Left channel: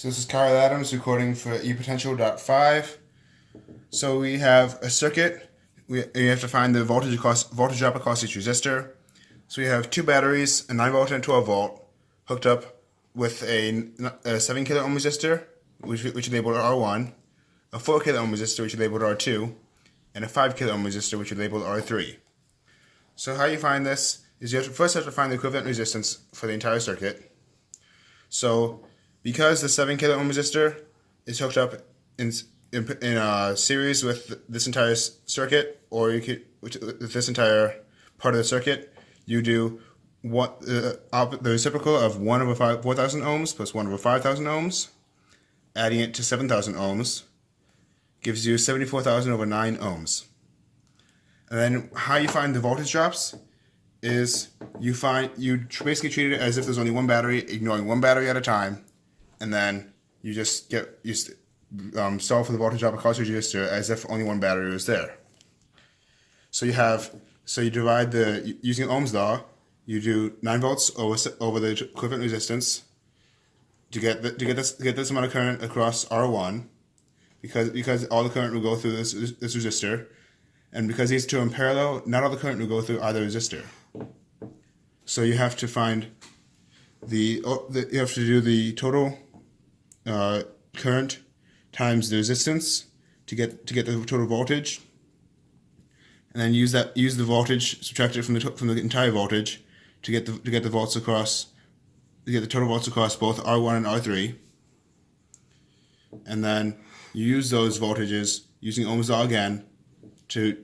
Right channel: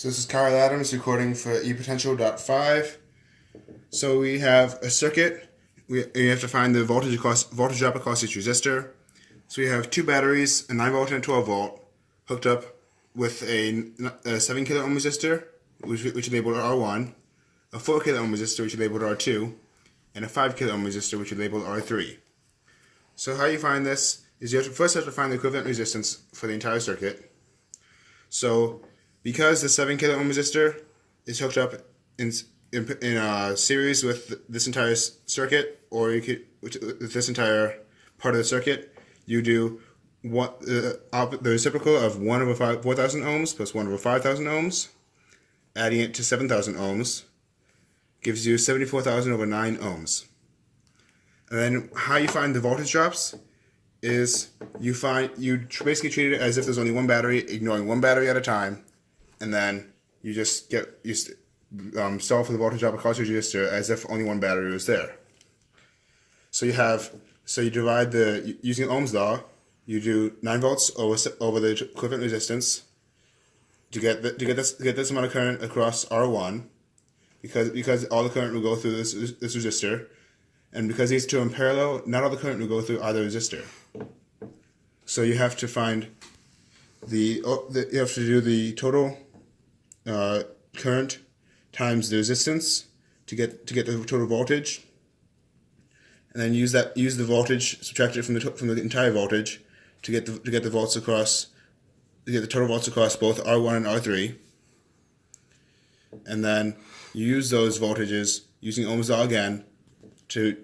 So this is Kyle Adams recording for Epot.5. So we have a circuit. We have to find the voltage drop across each resistor. So we have two batteries, a 9 volt and a 12 volt, hooked up with a 7 kilo ohm resistor, which is labeled R1, a 4 kilo ohm resistor, which is labeled R2, and a 5 kilo ohm resistor, which is labeled R3. So how you find this is you first have to find the equivalent resistance for the entire circuit. So because the 7 kilo ohm resistor is hooked up in series with this entire circuit, or with this entire part of the circuit, you do the reciprocal of 1 over 4,000 ohms plus 1 over 5,000 ohms, adding it to 7,000 ohms, gives you 74,000 over 9 ohms. And then how you find the voltage drops is you basically treat it as if there's only one battery, ignoring one battery at a time, and then you just solve for the voltage drop across your resistor as if only one battery was there. So you divide using Ohm's law, you do 9 volts over the equivalent resistance to get this amount of current across R1, because all the current will go through this resistor, and because these two are in parallel, not all the current will go through either resistor. So you have to find you have to do the total current times the resistance to get the total voltage, and then use the voltage, subtract it from the entire voltage to get the volts across, to get the total volts across both R1 and R3, and then you use those voltages using Ohm's law again to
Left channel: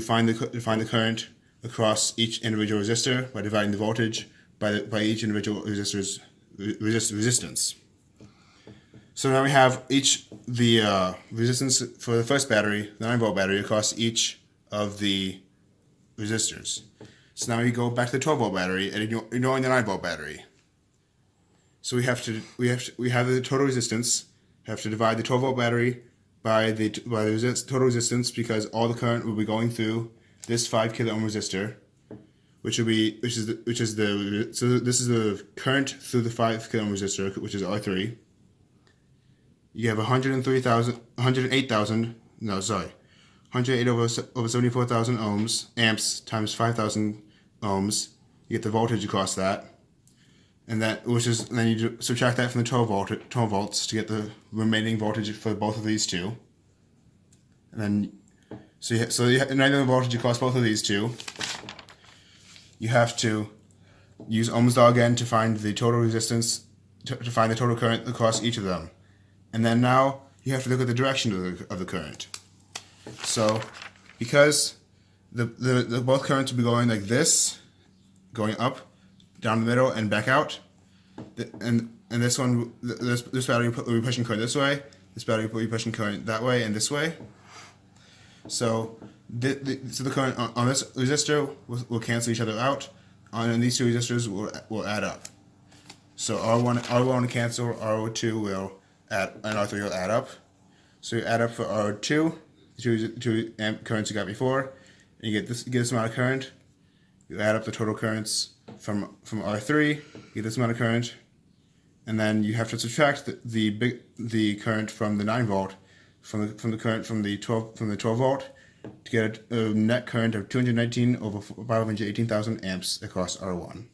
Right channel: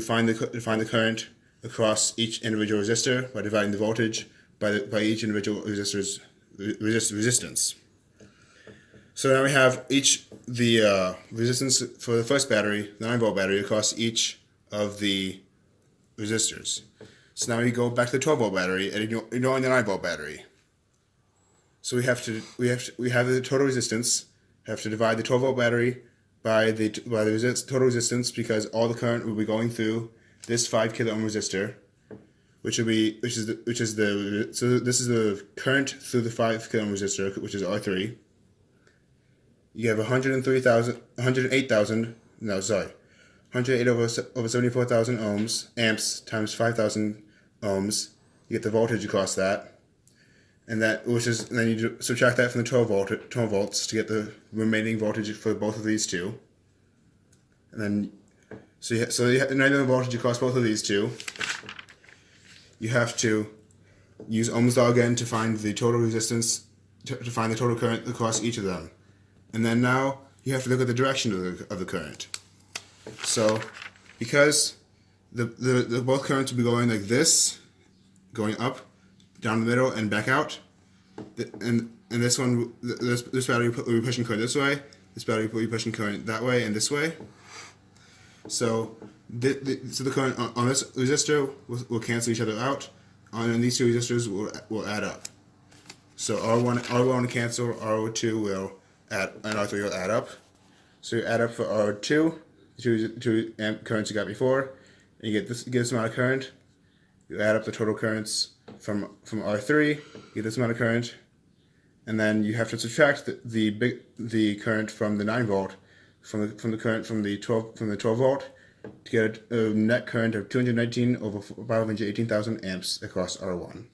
find the current across each individual resistor by dividing the voltage by each individual resistor's resistance. So now we have the resistance for the first battery, the 9 volt battery, across each of the resistors. So now we go back to the 12 volt battery and ignoring the 9 volt battery. So we have the total resistance. Have to divide the 12 volt battery by the total resistance, because all the current will be going through this 5 kilo ohm resistor, so this is the current through the 5 kilo ohm resistor, which is R3. You have 108 over 74,000 amps times 5,000 ohms. You get the voltage across that, and then you subtract that from the 12 volts to get the remaining voltage for both of these two. And then so you have the voltage across both of these two. You have to use Ohm's law again to find the total resistance, to find the total current across each of them. And then now you have to look at the direction of the current. So because the both currents will be going like this, going up, down the middle, and back out, and this battery will be pushing current this way, this battery will be pushing current that way and this way. So the current on this resistor will cancel each other out, and these two resistors will add up. So R1 will cancel, R2 will add, and R3 will add up. So you add up for R2, the two amp currents you got before, and you get this amount of current. You add up the total currents from R3, you get this amount of current, and then you have to subtract the current from the 9 volt from the current from the 12 volt to get a net current of 219 over 518,000 amps across R1.